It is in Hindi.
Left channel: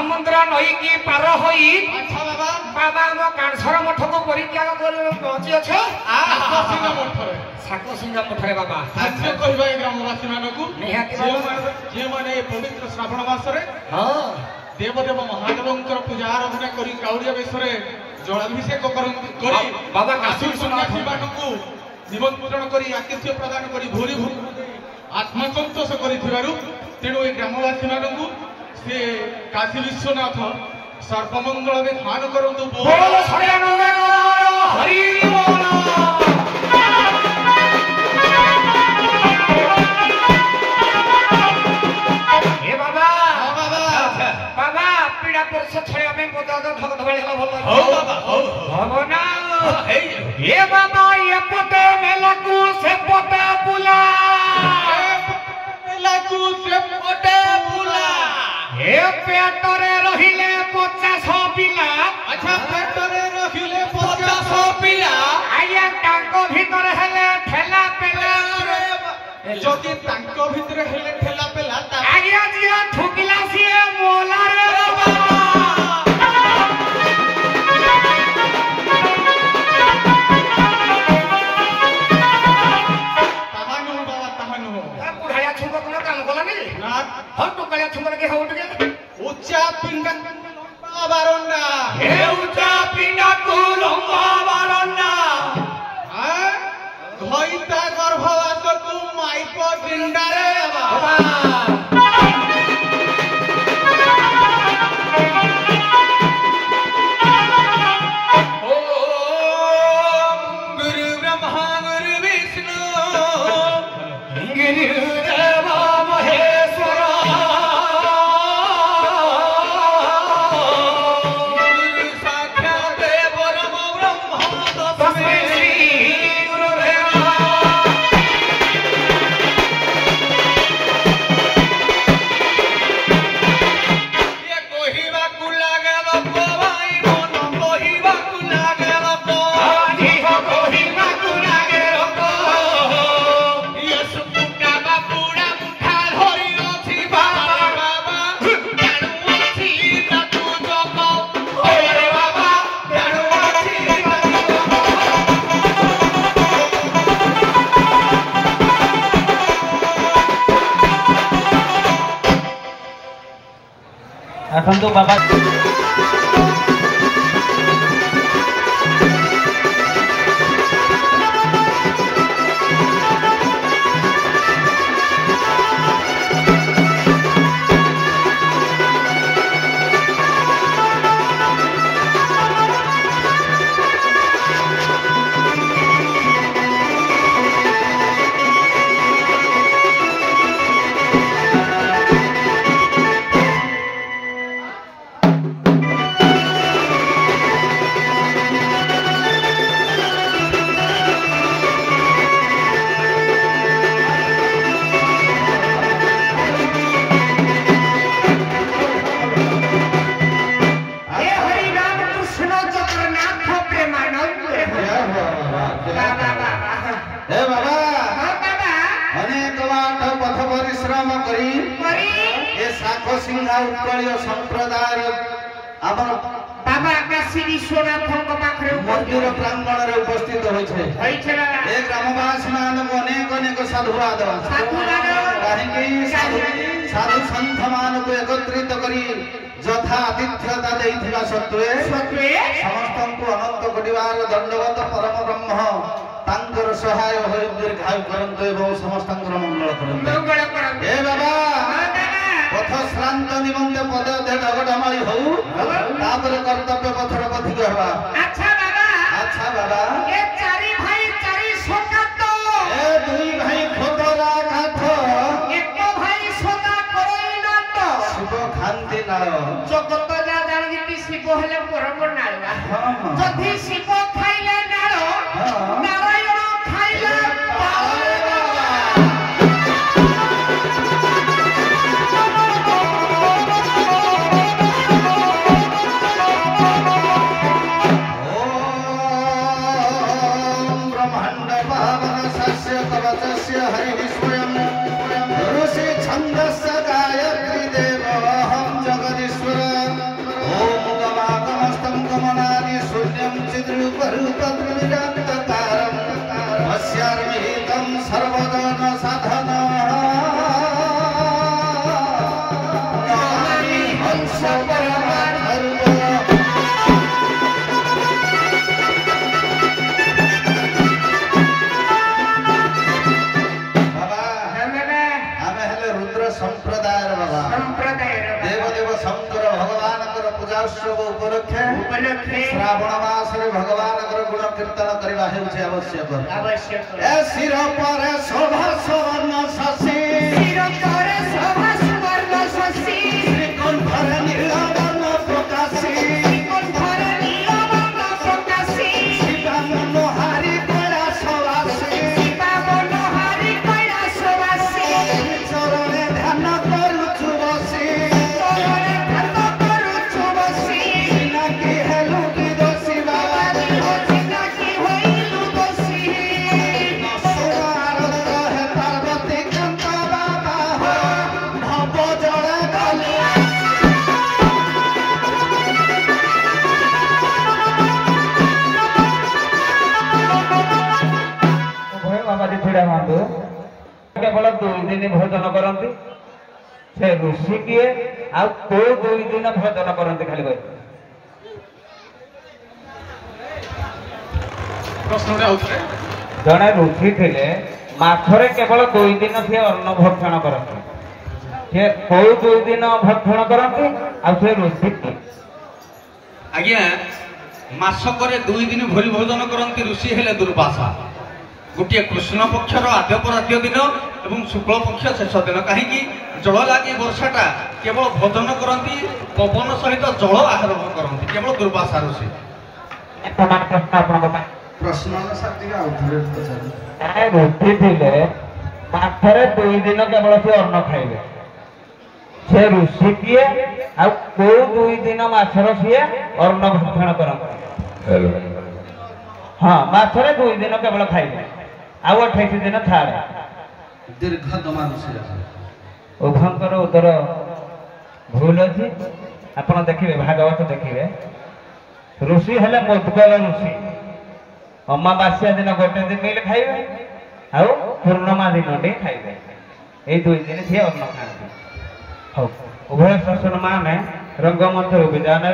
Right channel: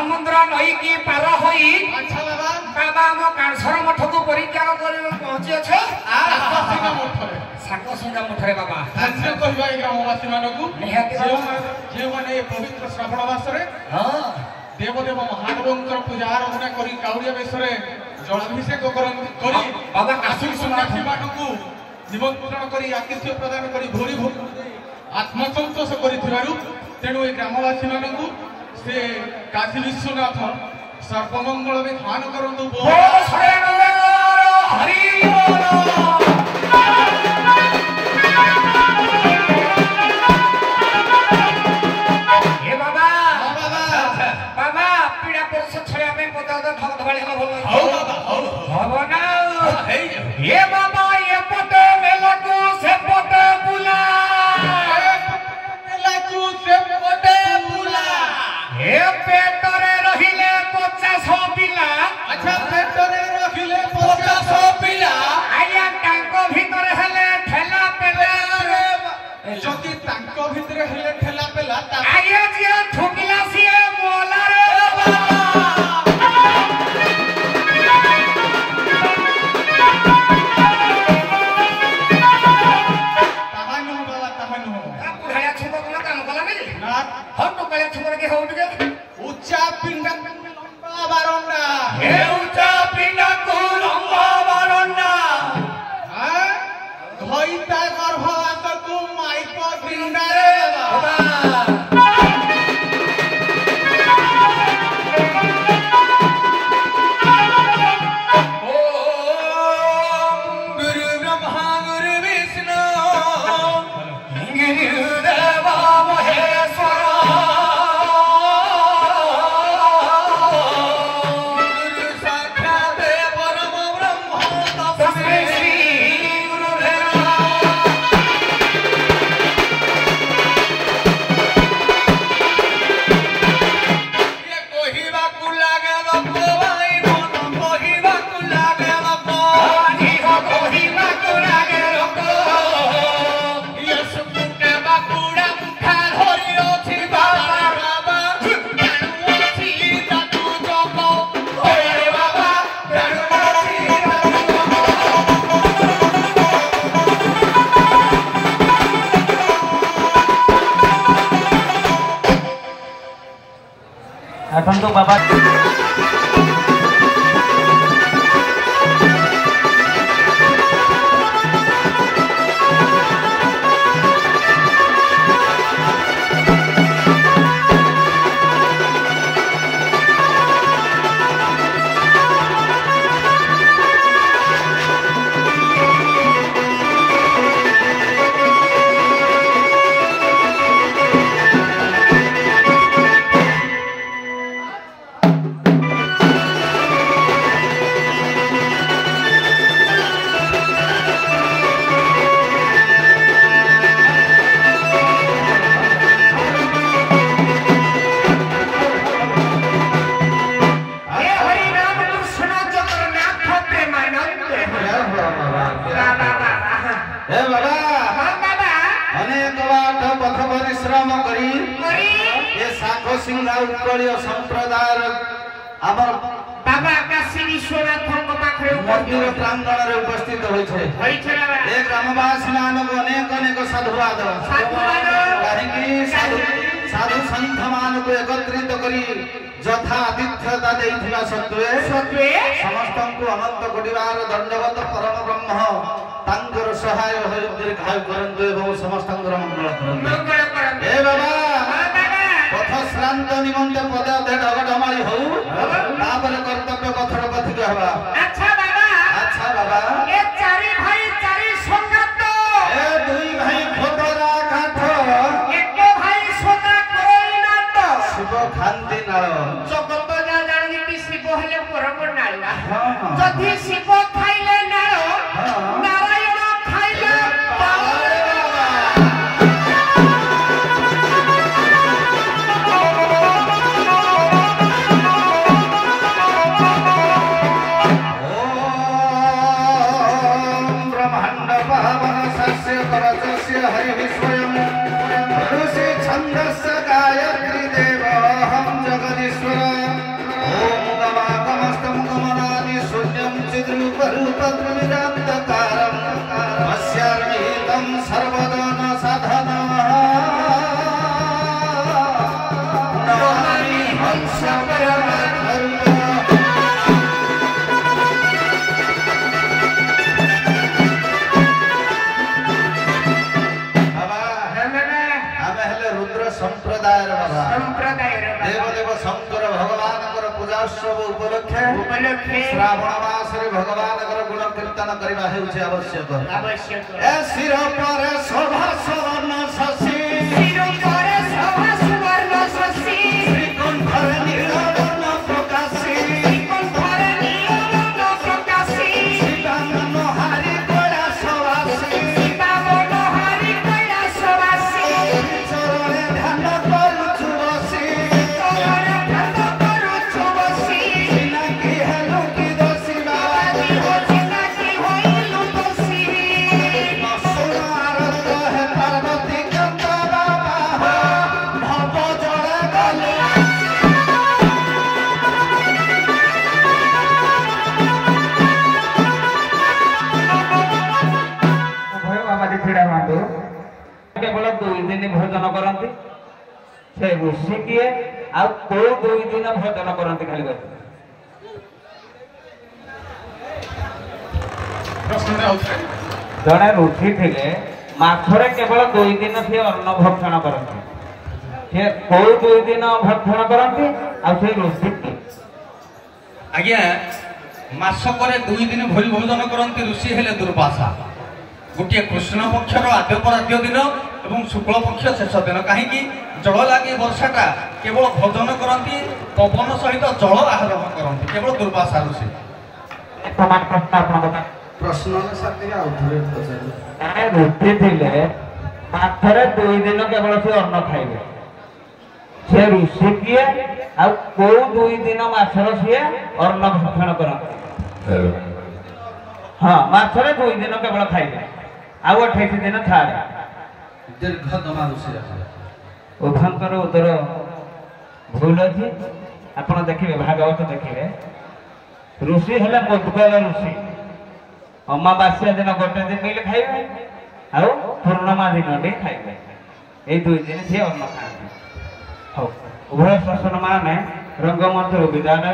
समुद्र नई की पार होई अच्छा बाबा बाबा हम कांसर मठ को परित्याग कर पहुंची अच्छे साकसिंगा मठरे साकसिंगा मठरे बाबा अच्छा कहबा ए ग्रामवासी मानकु निहाती जे माने पवित्र श्रावण मासरे हां देवदेव महादेवंकर पूजा आराधना करी काउरिया बेसरे जलाभिषेक करी बाबा काशी सन्यासी मानकु निमंत्रण करी आतिथ्य प्रदान करी भोरी भोरी आत्मसंतोष करिथिबारु तेणु ए ग्रामवासी मानकु से काशी विश्वनाथ सर्वमंगल विधान करंतु बोल सड़ानंद हरि बोल ए बाबा बाबा पीड़ा पुरुष छया में पता तो धक धवाली हो भलो हो बाबा हो ना ए बाबा ये पते मेलाकू से पते बुला मेलाकू से पते बुला ए पेटरे रहिले 50 पिला अच्छा पेटरे रहिले 50 पिला आया टांको भीतर हेले ठेला पेला जति टांको भीतर हेले ठेला पेला आया जिया ठुकिला सिए मोला रे बाबा तहानु बाबा तहानु बुढ़ाया छुको कोनो काम कोला नहीं ना हम तो कले छुको के हो उठ के उच्चा पिंडा लंबा बारंडा ए ऊंचा पिंडा को लंबा बारंडा हां धइता गर्भवास को माइको डिंडा रे बाबा এখন তো বাবা उत्कलीय संप्रदाय बाबा काशी विश्वनाथ मंदिर प्रांगण में उपस्थित होइछे ए ग्रामवासी मानक अनेक अनेक साधुवाद कहीं साधु संत मान को एकत्रित करी यथा आतिथ्यता देइथिबा सत्वे समस्त को अनंत कोटिवार दंडवत परम ब्रह्म तांकर सहाय होय दीर्घायु करंतु एवं समस्त मंगल करंतु ए बाबा पथ श्रांत निमंते पदे अधे ढगढमाई हो तापर कर्तव्य पथर पथिक हवा अच्छा बाबा ए चारि भाई चारि संगत ए दुई भाई खोदरा काठ एक भाई सोना कोई नाट शिव खांती नाळ जगत जा जानि शिव हेले परम नाळ हां जदि शिव खाइले नाळ नारायण खाइले हरि विस्मयम् ऋषि छन्दस्य गायत्री देव हम जगदीश्वर श्रावण मासरे भगवान गुण कीर्तन करवा हेउछे आवश्यक ए सिर पर शोभा सुवर्ण शशि सिर पर शोभा सुवर्ण शशि श्रीकंठर नीलवर्ण प्रकाशी श्रीकंठर नीलवर्ण प्रकाशी सीता मनोहारी कैलासवासी सीता मनोहारी कैलासवासी चरणे ध्यान करूछु बसी केवल 2 दिन भोजन करती से ऋषि किए आ 2 दिन भोजन करती खाली जड़े ऋषि थे माछरे केवल 2 दिन सी अन्न भक्षण करते 2 दिन भक्षण करती आ ऋषि किए आज्ञा मासक 2 दिन भोरी भोजन करती ऋषि हेले दुर्वासा गोटे कृष्ण पक्षर आद्यपराध्य दिन और शुक्ल पक्ष शेष दिन कहीं जल लगे वर्षाटा केवल भोजन करती पवन सहित जल आहरण करती केवल दुर्वासा ऋषि प्रश्न ऋषि थे माथरे 2 दिन केवल से अन्न खाइबे से ऋषि किए आ 2 दिन माछर सी अन्न भक्षण करते हाँ माछरे 2 दिन केवल खाइबे आ 28 दिन छाड़ दीर्घ दमा ऋषि उभंकर उत्तर भूल अच्छी आपड़ देखिए भागवत देखिए ऋषि हेले मुद्गल ऋषि अमावास्या दिन गोटे दिन मिल खाइबे आ पूर्णिमा दिन टे खाइबे ये 2 दिन सी अन्न खाते उभय शासन मान रंगमंच विदा ने